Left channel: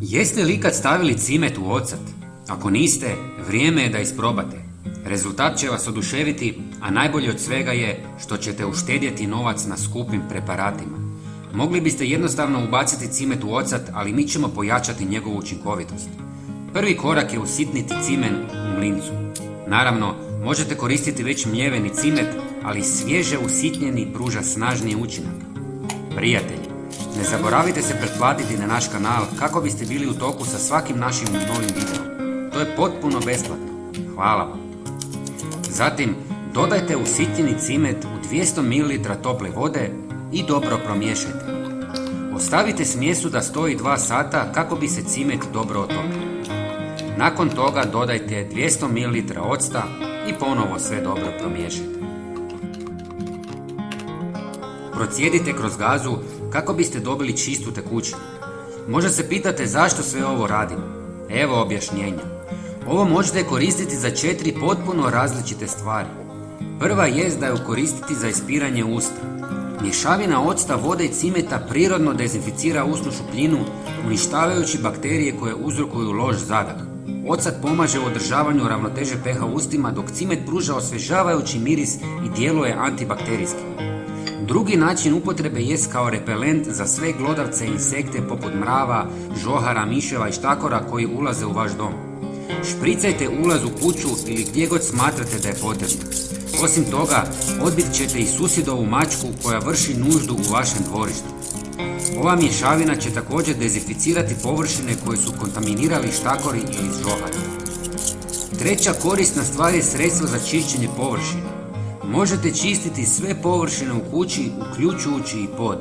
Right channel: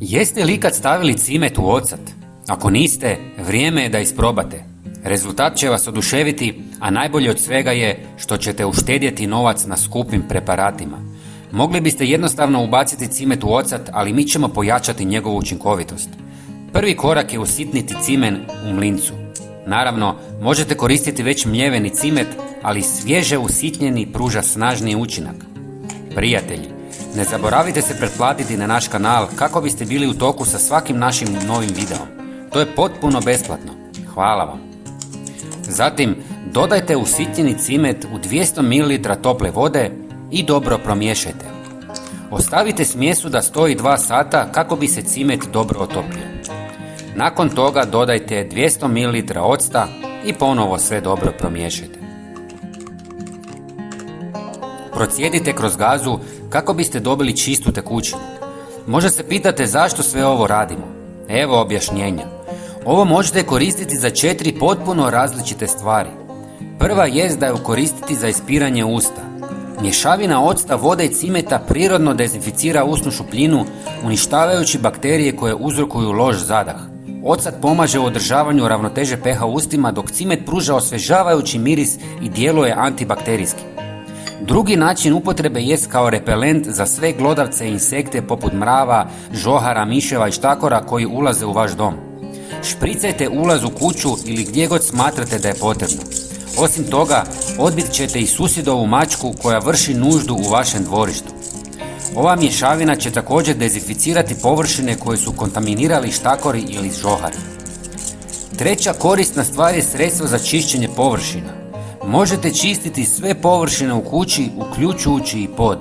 Jeste li ikad stavili cimet u ocat? Ako niste, vrijeme je da isprobate. Rezultat će vas oduševiti, a najbolje od svega je što ćete uštedjeti novac na skupim preparatima. Mogli biste jednostavno ubaciti cimet u ocat, ali mi ćemo pojačati njegovu učinkovitost. Prvi korak je usitniti cimen u mlincu. Naravno, možete koristiti već mljeveni cimet, ali svježe usitnjeni pruža snažniji učinak. Prijatelji, ne zaboravite se pretplatiti na naš kanal kako biste bili u toku sa svakim našim novim videom. To je potpuno besplatno. Hvala vam. Zatim, dodajte usitnjeni cimet u 200 ml tople vode i dobro promiješajte. Ostavite smjesu da stoji 2 sata kako bi se cimet dobro otopio. Nakon toga dodajte 200 ml octa i ponovo sve dobro promiješajte. Procijedite kroz gazu kako biste dobili čistu tekućinu. Možda se pitate zašto sve ovo radimo. Evo objašnjenja. Ovo možete koristiti za 4 potpuno različite stvari. Prva jest da ju koristiti za ispiranje usta. Mješavina octa, vode i cimeta prirodno dezinficira usnu šupljinu, uništavajući bakterije koje uzrokuju loš zadah. Ocat pomaže u održavanju ravnoteže pH u ustima, dok cimet pruža osvježavajući miris i djeluje antibakterijski. Drugi način upotrebe jest kao repelent za sve glodavce i insekte poput mrava, žohara, miševa i štakora koji ulaze u vaš dom. Špricajte ulaz u kuću ili gdje god smatrate da je potrebno. Osim toga, odbit ćete i susjedovu mačku koja vrši nuždu u vašem dvorištu. Ova mješavina će također dezinficirati površine koje su kontaminirali štakori ili žohari. Treća korisna stvar je sredstvo za čišćenje površina. Možete čistiti sve površine u kući, uključujući i pod.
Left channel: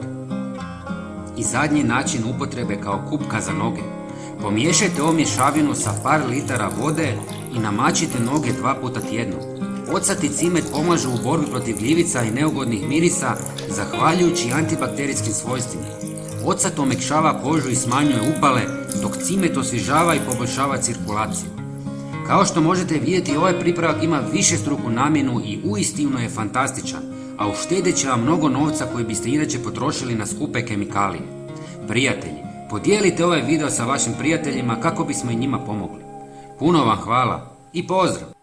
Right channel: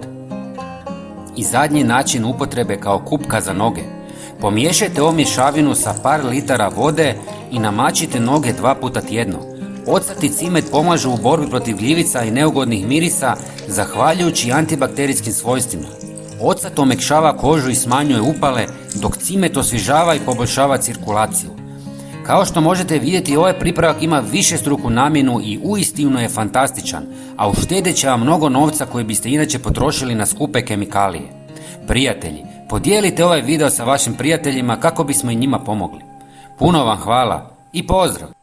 I zadnji način upotrebe kao kupka za noge. Pomiješajte ovu mješavinu sa par litara vode i namačite noge 2 puta tjedno. Ocat i cimet pomažu u borbi protiv gljivica i neugodnih mirisa, zahvaljujući antibakterijskim svojstvima. Ocat omekšava kožu i smanjuje upale, dok cimet osvježava i poboljšava cirkulaciju. Kao što možete vidjeti, ovaj pripravak ima višestruku namjenu i uistinu je fantastičan, a uštedjet će vam mnogo novca koji biste inače potrošili na skupe kemikalije. Prijatelji, podijelite ovaj video sa vašim prijateljima kako bismo i njima pomogli. Puno vam hvala i pozdrav!